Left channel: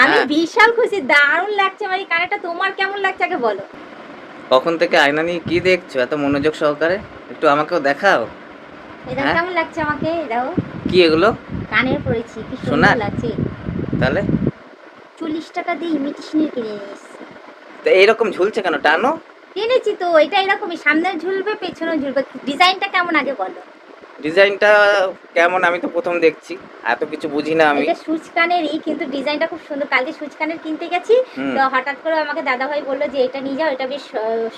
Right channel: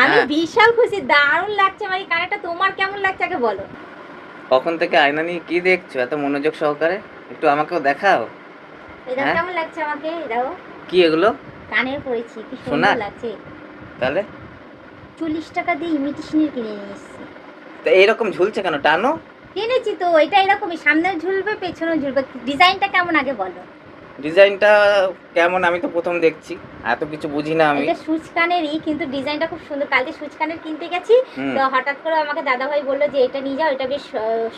আমি হ্যাঁ, বিশাল খুশি, দারুণ লাগছে আমার এই কানেরটা। তোমার কেমন লাগছে আগে বলো। কখন থেকে আয়না নিয়ে কি দেখছো এত মনোযোগ সহকারে? একটু আমাকেও দেখাও। এই দেখো হ্যাঁ, কেমন লাগছে আমাকে, এই দেখো কি এগুলো? কানের পরেছি, কি সুন্দর সোনার? লাগছে। তাহলে 40 টাকা দিয়ে ইমিটেশনের কিনে নিয়ে এসেছি। তা এইরকম ঝুলছে কেন? টানো। কিনেছি তো, এটা এরকমই, সামনে ঝুলবে পেছনে ঝুলবে। ডিজাইনটা কেমন আগে বলো। ডিজাইনটা কেমন আমি তো প্রথম দেখছি, এত কিছু বুঝি না আমি। এটা সুচ কানেরই, কিন্তু ডিজাইনটা খুব সুন্দর। কালকে সুচ কানের কিনতে গেছি, হুম। তো হঠাৎ করে আমাকে দাদাভাই বললো যে এটা নিয়ে যাও, এটা বেশ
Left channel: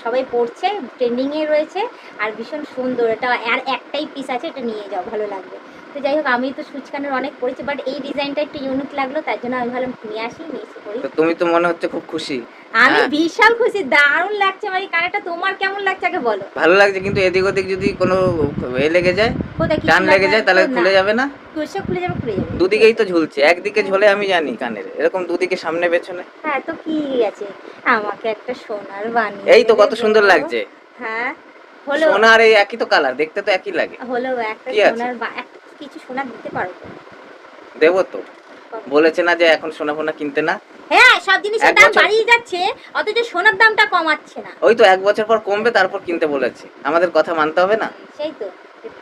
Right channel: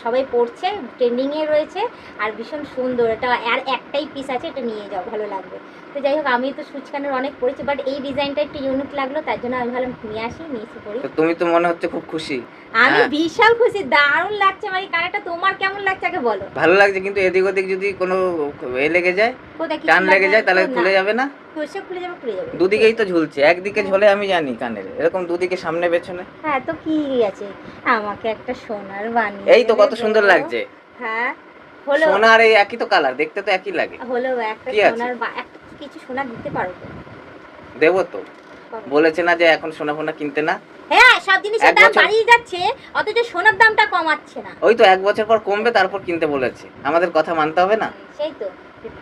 সবাই পড়ছে, ট্রেন্ডিংয়ে রয়েছে, আর ভীষণ সুন্দর। এটা আর একটাই পিস আছে, এটা নিয়ে যাও, ভালো লাগবে। তো যাই হোক, আমি তো সুচ কানের অনেক পড়েছি, বাট এই ডিজাইনটা একটু ইউনিক লাগলো, তার জন্য আমি ভাবলাম নিয়ে আসি, নিয়ে এসে পড়ি। তো তুমি তো মনে হচ্ছে খুব খুশি। আমি হ্যাঁ, বিশাল খুশি, দারুণ লাগছে আমার এই কানেরটা। তোমার কেমন লাগছে আগে বলো। ভালো লাগছে, কিন্তু এদিক ওদিক যদি কোনো লেগে যায়, কোথায় টান কিছু লেগে যায়, তাহলে না, খুলে যাবে না? সে খুলে যাবে, খুলে যাবে। দুদিকেই তো ঝুলছে, একদিকে ঝোলে আমি জানি কানের, এরকম দুদিকে সামনে পেছনে। হ্যাঁ, তো কি আছে, আমাকে একটা সোনার বানিয়ে এই তো দেবে কত গো। সুন্দর লাগছে। হ্যাঁ, হলো। সোনার এই একই তো কালার, দেখতে তো একই লাগে। হলো একটা কি আছে? সোনার একটা কিছু সোনা দিতে পারো তো। দেবো তো। কবে? বলেছে না যে এখন সোনা ফোনা কিনতে না। হ্যাঁ, সব জিনিসের এক দাম বছর, বাড়িয়ে যাচ্ছে, অথচ সোনার দামটা কমাচ্ছে না। ওই তো 1 বছর পর কমবে, তারপর কিনতে বলেছে, আমাদের কথা মানতে হবে না? সেই তো,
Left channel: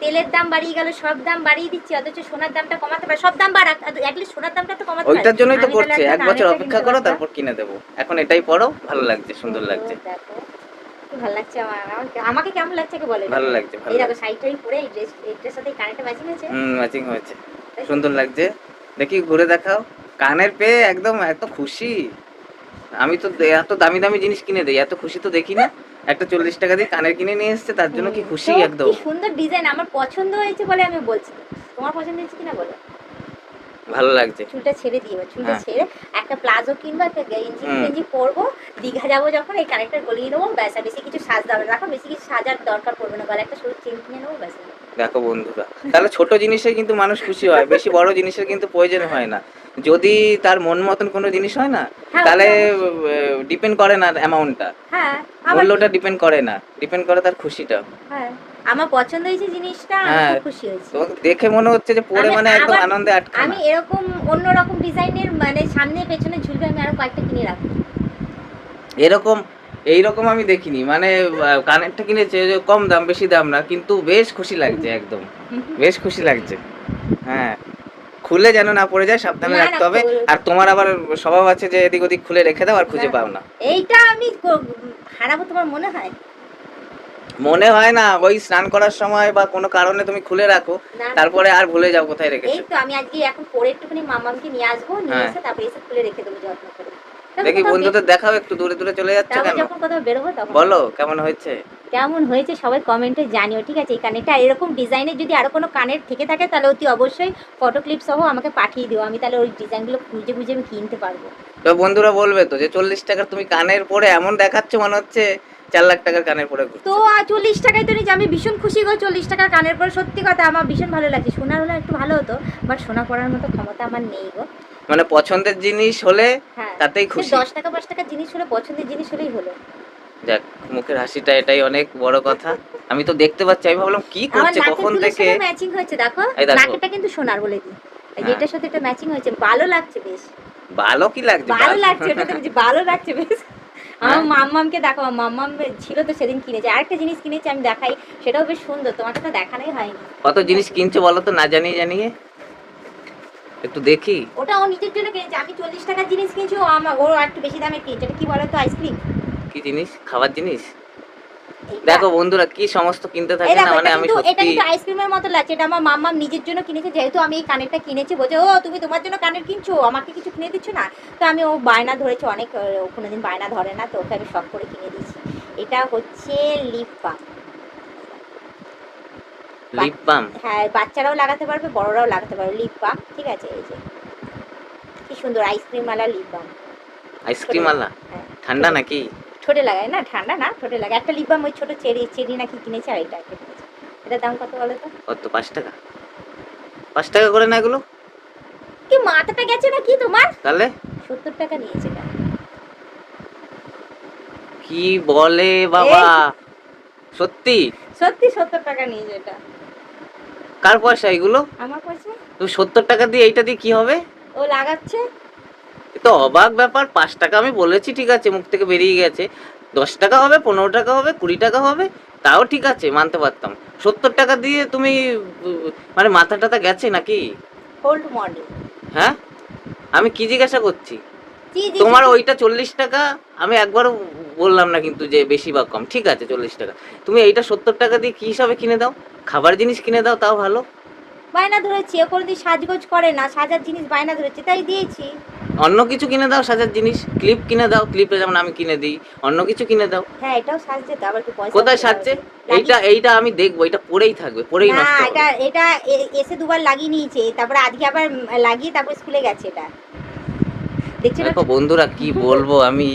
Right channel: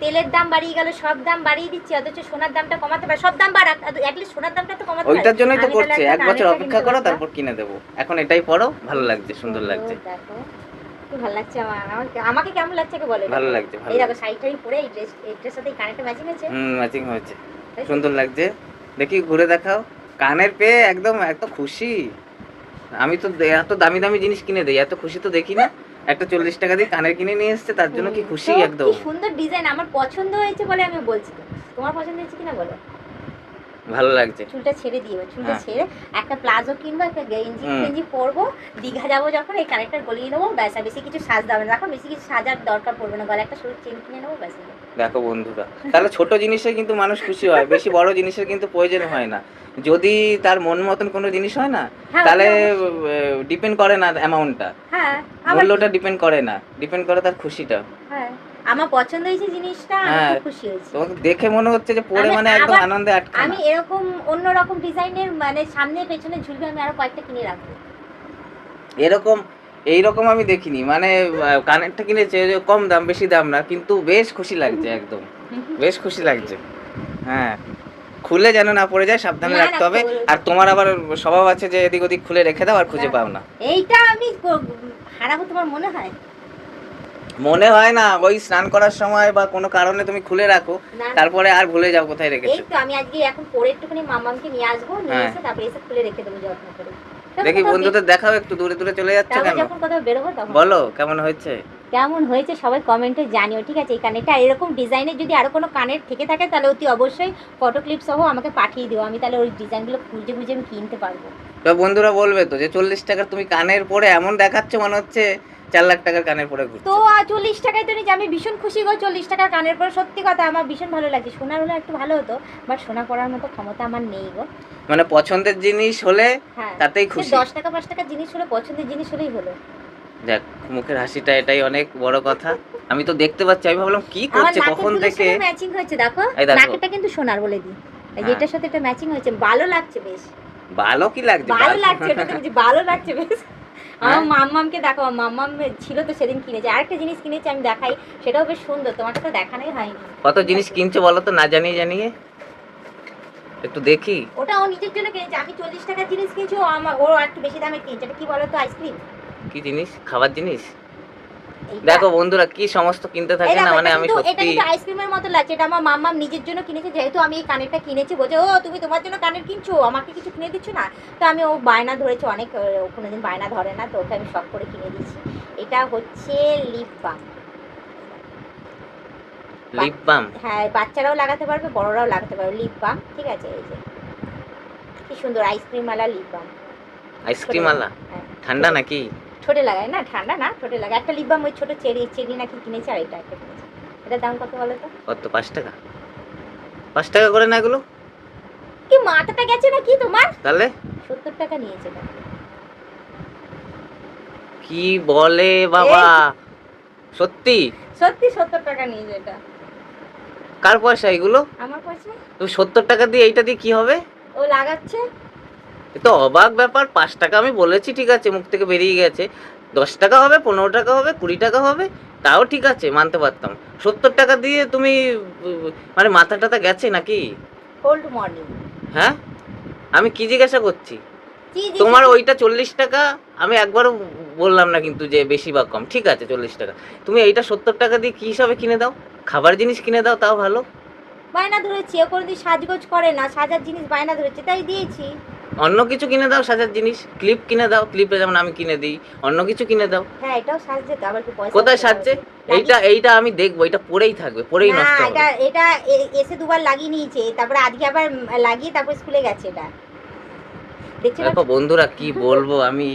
তেলের দাম বাড়িয়ে গেল, সব দাম বাড়িয়ে দিচ্ছে, অথচ সোনার দামটা কমাতে পারে। সব দাম বাড়াক, অ্যাটলিস্ট সোনার দামটা একটু কমাতে পারে। ওইটার জন্যই তো আমি তাহলে করছে, একটা 1 বছর কানেরটা অপেক্ষা কিনতে করো, পারতাম। তারপর কিনে দেবো। এখন এটাই পড়ো, ভালো কি লাগছে, সুন্দর সুন্দর লাগছে। দেখো, কি ভালো লাগছে আমার। আমাকে কেমন লাগছে আগে বলো এটা ভালো বলো। লাগছে, ভালো এই দেখো লাগছে। শাড়িটাই পরে এই ড্রেস সাথে কানেরটা ম্যাচিং হয়েছে। ম্যাচিং হয়েছে। তাই তো? সুন্দর লাগছে। দেখি ঘুরে দেখাও। কানের পেয়ে একদম এত খুশি। আমি তো এত দামি দামি জিনিস কিনে দেই, এত খুশি তো দেখি না। একটা 40 টাকা দিয়ে কানের কিনে নিয়ে এসছে, তার জন্য কি খুশি তো কি একদম। সুন্দর ডিজাইন, আমার পছন্দ হয়েছে বলে আমি বলছি তো। তোমার পছন্দ হয়েছে কিনা বলো। ভালো লাগছে। চুলটা ছেড়ে দিও, চুলটা হ্যাঁ। ছেড়ে একটা প্লাজো কিনবো, একটা গেঞ্জি হুম। ফেঞ্জি পরবো। দীঘা যাবো যখন, এই কানেরটা গলিয়ে নেবো, ব্যাস। আর বেশি কিছু সাজ দাও না, এখন বেশি কিছু সাজার দরকার পড়বে না, গলা একটা সরু চেন কিনে নেবো, ব্যাস। দেখো বন্ধুরা, তাহলে ছোট জিনিসে কিন্তু মানুষ খুশি হয়, বেশি বড় জিনিসের কিন্তু প্রয়োজন হয় না। যদি তার মন মতন কোনো জিনিস হয় না, হ্যাঁ, তাহলে ওটা অবশ্যই। ডিপেন্ড করে না অ্যামাউন্টটা, হ্যাঁ, আবার কি। মূল্যটা ডিপেন্ড করে না, ডিপেন্ড করে তার খুশিটা। হ্যাঁ, আমার পছন্দ হয়েছে জিনিসটা, আমি হ্যাঁ, খুব খুশি হয়েছি। তোমাকে দেখে মনে হচ্ছে যে পরে আমি মানে একদম আবার আনন্দে আটখানা। আমি এরকম অন্যরকম ডিজাইনের, মানে সামনে পেছনে ঝুলবে, আমি আরো কয়েকটা কিনে রাখবো। এরকম, এইরকম আমি দেখিনি, মানে কানেরটা কিনেছে যে কম দাম, বেশি দাম না, কিন্তু বেশ খুশি লাগছে একদম, বেশ খুশি লাগছে। হ্যাঁ, খুলে যেন না পড়ে যায়, সাবধানে না না, রাখতে হবে। আর তোমার আবার স্বভাব আছে যে এদিক ওদিক খুলে রেখে দাও আর খুঁজে পাও না। এইটা আমি হারাবো তোমার মনে হয়। মনে হয় না, ওই স্নান করার সময় বা কোনো কারণে তুমি খুলে রাখো, না না, তারপরে আর ভুলে যাও কোথায় এই রেখেছো। তো আমি আজকে এখন পরে একটুখানি মামাকে নিয়ে আসবো, নিয়ে হ্যাঁ, এসে তারপরে এসে খুলে রেখে দেবো যত্ন করে। তারপর দেখি কোথাও বন্ধুদের দেখাও, একটু দূরে দূরে চলে যাচ্ছে তারপর কেন? যখন কোথাও বেরোবো তখন বলো কেমন হয়েছে। কেমন হয়েছে সবাই কমেন্টে জানিও, ঠিক আছে। এই কানেরটা, আর এরকম ডিজাইনের যদি আরো কোনো কানের থেকে থাকে, তাহলে অতি অবশ্যই ফটো ক্লিপ সহ আমাকে পাঠিয়ে দিও, আমি তাহলে ওই ডিজাইনগুলো খুঁজে খুঁজে আমি কিনতে পারবো। তো বন্ধুরা বলবে তো যে 40 টাকার তুমি কানের পরে এমন দেখাচ্ছ, মনে হচ্ছে 4 লাখ টাকার কানের পরে তো ঘুরছো। 40 টাকায় তো নিচ্ছি, আমি ভীষণ খুশি গো। 40 টাকার কানের পরে, সত্যি কথা আমার ভীষণ ভালো লাগছে। সোনার হলে একটু ভালো হতো, বাট সোনা পরার মতো ক্ষমতা আমার নেই গো। মানে পছন্দের জিনিস হলে হ্যাঁ, তাতেই সে খুশি। 10 টাকা 5 টাকার জিনিস হলে, পছন্দের জিনিস হলেই হলো। যাক, মুখের হাসিটা এটাই অনেক বড় কথা। আমি তো দেখতে পাচ্ছি, আমি ভাবলাম কি আমার করছে নাকের কখন দুলের থেকে। সাথে ম্যাচিং হয়েছে, দেখো। এই দেখো। নাকেরটা কিন্তু সোনার, বলে দিই। এই হ্যাঁ, যেটার সাথে এটা ম্যাচিং হয়েছে, ভালো লাগছে বেশ। ভালো কি লাগছে ভালো ভালো। লাগছে, ওটা তো বলছি, ভালো লাগছে বেশ। আমার হ্যাঁ, মাম্মামকে দেখো, আমার মাম্মাম ছিল তো সেদিন কিনেছে, আরেকটা জিনিস কিনেছে, আমি দেখাই। সেটাও বেশ সুন্দর, তোমাকে তো দেখানোই হয়নি। কত ঠিক জিনিস আছে, কিনছে বলো তো, না জানিয়ে জানিয়ে। একটু দেখি। ওটা ও নিজের জন্য কিনেছে। আমি 40 টাকার জিনিস কিনছি, ও একটু বেশি দামে কিনছে। এটা কি বলো তো, আইসক্রিম। কি জিনিস? খাবার জিনিস? এইটা, দেখো বন্ধুরা, কি সমস্ত কিনতে এই থাকে না, দেখো, মানে এটা আমি কিন্তু এটা সত্যি। কিন্তু আইসক্রিমের মতো লাগছে। এটা আমার মাম্মাম নিজের জন্য কিনেছে, যেহেতু আমি এই কানেরটা কিনেছি। বলছে, ও তুমি তোমার জন্য কানের কিনছো, আমাকে কিছু কিনে দিচ্ছ না। তো আমি, ও বায়না ধরেছে অনেক, ও কোনোদিন বায়না ধরে না, তো ওকে আমি শখ করে কিনে দিয়েছি। এটা হচ্ছে লিপ বাম। Lip balm? হ্যাঁ, বাচ্চারাও লাগাতে পারবে, বড়রাও লাগাতে পারবে, লিপ বাম। ঠিক আছে, এই যে কি সুন্দর আইসক্রিম ওয়ালা লিপ বাম। ছোটে আইসক্রিম আলা? লাগায়, হ্যাঁ। ঠান্ডা ছোটে নাকি? ছোটে লাগায় না, ঠান্ডা না, ছোটে লাগায়। একটা লিপ বাম ওই ছোট চেরি চেরি নাকি কিনেছে, আর এটা একটা কিনেছে। এটার দাম কত বলো তো। কত? 5 টাকা? 5 টাকা করে না এগুলো? কি মাথাটা গেছে না কি তোমার। তাহলে 70 টাকা নিয়েছে এটা। কি বলে বাবা! এই, সত্যি? সত্যি 70 টাকা নিয়েছে এটা। কার পয়সা এগুলো? আমার পয়সা। তুমি 70 টাকা দিয়ে এইটা দিয়ে কি হবে? ও লাগাচ্ছে। এ তো অবাক ব্যাপার। 5 টাকা আমি বলেছি, ঠিক আছে, মুখ থেকে বেরিয়ে গেছে। 10 টাকা হবে, 15 টাকা হবে, 20 টাকা হবে, তাও ঠিক আছে, মানতে পারতাম। 70 টাকা দিয়ে তুমি মানে মাথা টাথা গেছে নাকি? Hold morning. হ্যাঁ, আমি কি জিজ্ঞাসা করছি? জি জি তোমার ঠিকই। ওইটা 40 টাকা, আমি একবারও বললাম না কিন্তু যে বেশি বা কম, ঠিক আছে 40 টাকা। তুমি এইটা 70 টাকা দিয়ে কি হিসাবে কিনে দাও? খাবার জিনিস কিনে দাও, তাও ভালো। বায়না ধরেছি, ও কোনোদিন সাজগোজ করে না, সাজার জিনিস বায়না ধরেছে তাই দিয়েছি। অন্য কিছু কিনে দাও, সাজার জিনিস, ক্লিপ কিনে দাও, ক্লিপে যেমন আমি কিনে দিই, অন্য কিছু কিনে দাও। হ্যাঁ এটাও সাজছে তো, আবার কি পয়সা কোথায় দিতে সাজছে? হবে? লাগিয়ে- এইটা আমি দেখবো, এটা পরেই থাকবে, পরেই না নষ্ট এটা হবে। এটা এসে দুবার লাগিয়ে নিয়েছে, তারপরে আজকে আবার লাগিয়ে তারপর স্কুলে গেছে এটা, দেখছো না? দেখো বন্ধুরা, কি বলবো আমি,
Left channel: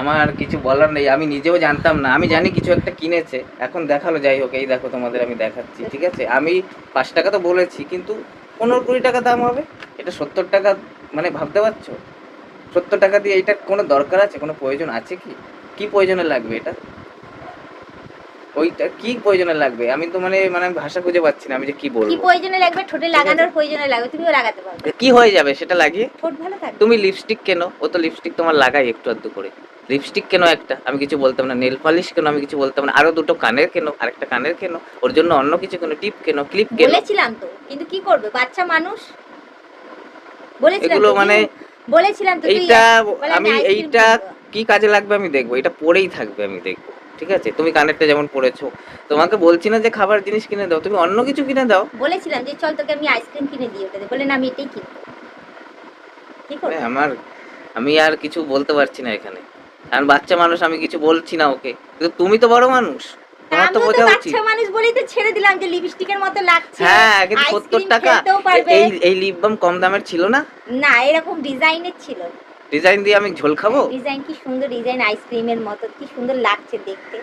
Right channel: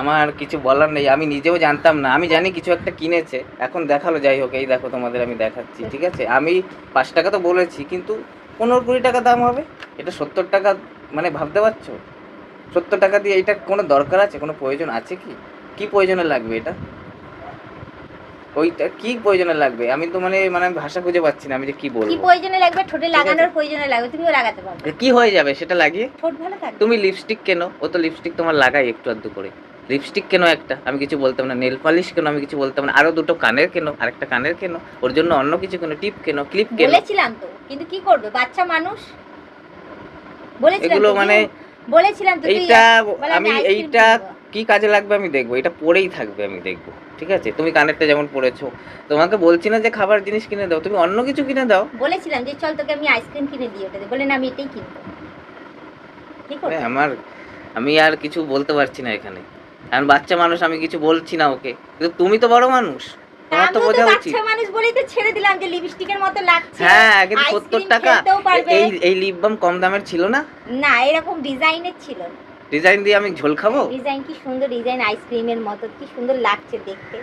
আমার কিছু বলার নেই। আমি নিজেও জানতাম না, আমি জানি কিছু একটা কিনেছে, এখন দেখালো। যাই হোক, এই দেখো তোমাদের আমি দেখাচ্ছি, ঠিক আছে। আমি 5 টাকা তো বলেছি, কিন্তু 15-20 টাকা দাম হবে। এটা 70 টাকা, মানে ভাবতে পারছো? 70 টাকা দিয়ে এটা কোনো দরকার আছে, কোনো প্রয়োজন আছে কি? কি প্রয়োজনে লাগবে এটা? ওইটা কি প্রয়োজনে লাগবে? আমি তো মানে মানে আমি ভাষা খুঁজে পাচ্ছি না, আমি যে কি কি বলবো। প্রয়োজনে লাগবে? ঠোঁটে ঠিক আছে। লাগানোর প্রয়োজনে লাগবে, তুমিও লাগাতে পারবে। কি হয়ে যাবে সেটা লাগিয়ে? ঠোঁট ভালো থাকবে। তুমি লিপস্টিক কেনো, ও তো লিপস্টিক তোমার লাগাই একটু আধটু করে। লিপস্টিক কেনো একটা, আমি কিছু বলতাম না। নেল পালিশ কেনো, আমি কিছু বলতাম না। আরো দুটো কানের কেনো, আরেকটা কানের কেনো, ওর জন্য অন্য কিছু কেনো, টিপ কেনো, ক্লিপ কেনো। বলেছিলাম তো, কিন্তু কি করবে, বাচ্চা মানুষ। বলেছিলাম এগুলো তো মানে বলেছিলাম তো তুই এইটা, বলে আমি আইসক্রিম এইটা কিনবো। কি কাজে লাগবে আমি দেখবো, এটা পরেই থাকবে আমি দেখবো, ঠিক আছে। তুমি কানেরটা যেমন পরেছো, তোমাকে বলছি না যে খাবার জিনিস কিনে দাও, তুমি অন্য কিছু কিনে দাও। বলেছিলাম যে চল তোকে আমি আইসক্রিম কিনে দিই, ওটাতে বলে না আমি এটাই কিনবো। কি মানে করবো? আমি আর কিছু বলতে পারছি না এখানে। কারণ বাচ্চা মানুষ, আমি কিছু বলছি না ওকে, কিন্তু তুমি তো বড় মানুষ, তোমার তো আমিও তো বোঝা উচিত। বাচ্চা মানুষ বলেই তো ছেড়ে দিলাম যে লিপস্টিকের মতো লাগছে, হ্যাঁ, কিন্তু 70 আইসক্রিম টাকা। খেলতেও পারবে। এই এই লিপ বাম কম দামের ছিল না? না এরকম ডিজাইনের ছিল। ডিজাইন দিয়ে আমি ঝোল খাবো? ডিজাইন কি সুন্দর ডিজাইন, আইসক্রিমের মতো কি সুন্দর লাগছে দেখতে।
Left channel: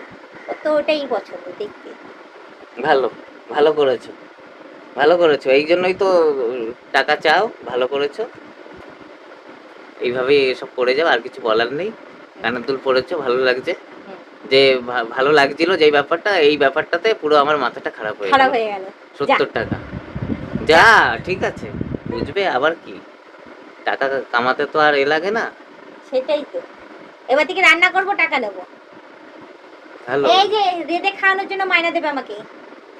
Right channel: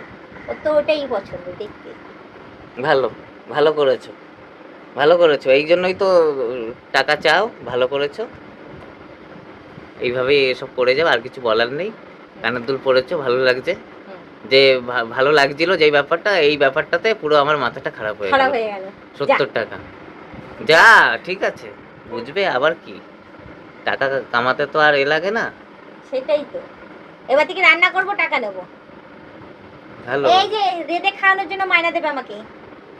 ও তো ওটাই পছন্দ দেখতে। ভালো, ভালো করেছো, ভালো করেছো। এই জন্যই তো টাকা চাও, ভালো করেছো। এইভাবেই এসব করে যাও, আর কিছু বলার নেই। কানের দুল পরেছো, ভালো লাগছে। হুম, যে ভালো লাগছিল যেই ব্যাপারটা, এই ব্যাপারটাতে পুরো আমার মাথাটা খারাপ হয়ে খারাপ গেল। হয়ে গেল। 70 টাকা যা, ঠিক আছে, বুঝবে আবার কি। টাকা কামাতে তো আর এ লাগে না। সেটাই তো, এবার থেকে রান্না করবো, টাকা নেবো। ভালো, এই যে রেঁধে খাওয়ানোর জন্য মায়না দেবে আমাকে।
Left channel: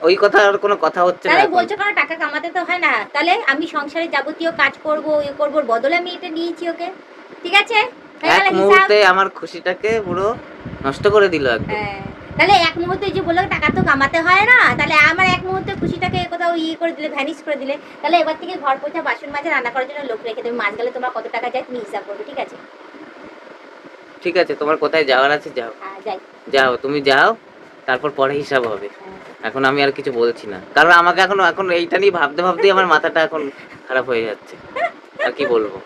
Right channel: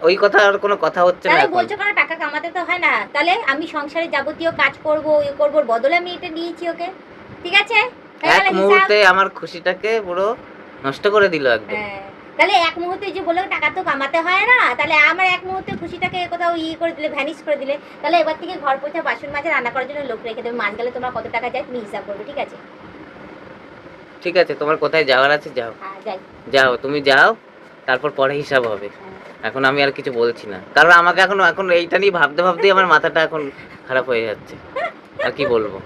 ওই কথা আর কোনো কথা হচ্ছে না তাহলে এখন। বলছো কেন টাকা কামাতে তো হয় না? তাহলে আমি সংসারে যাবতীয় কাজ করব, ইয়ে করবো, ওর বদলে আমি এটা নিয়েছি ওকে। ঠিক আছে, হয়ে এক গেল হিসাব। মুহূর্তে আমার খুশিটাকে পুরো নষ্ট করে দিল একদম। হ্যাঁ, তাহলে এক মুহূর্তে যে বললো টাকা তো কামাতে হয় না, তাহলে আমার এক মুহূর্তে খুশিটাকে কোথাও ইয়ে করে দিলে, ভ্যানিশ করে দিলে। তাহলে এবার থেকে ঘর পোছা, বাসন মাজা, রান্না করার জন্য লোক রেখে দেবে। মাস গেলে তোমরা কত টাকা চাই তুমি হিসাব করবে, ঠিক আছে? ঠিক আছে, তোমার কোথায় যাওয়ার আছে যাও, হ্যাঁ যাই। যাও, তুমি যাও, তারপর পরে হিসাব হবে। হ্যাঁ। এখন আমি আর কিছু বলছি না, কারণ আমাকে এখন এখন এইটা নিয়ে ভাবতে ভাবতেই আমার মাথাটা এখন খারাপ হয়ে যাচ্ছে। আর কি বলবো।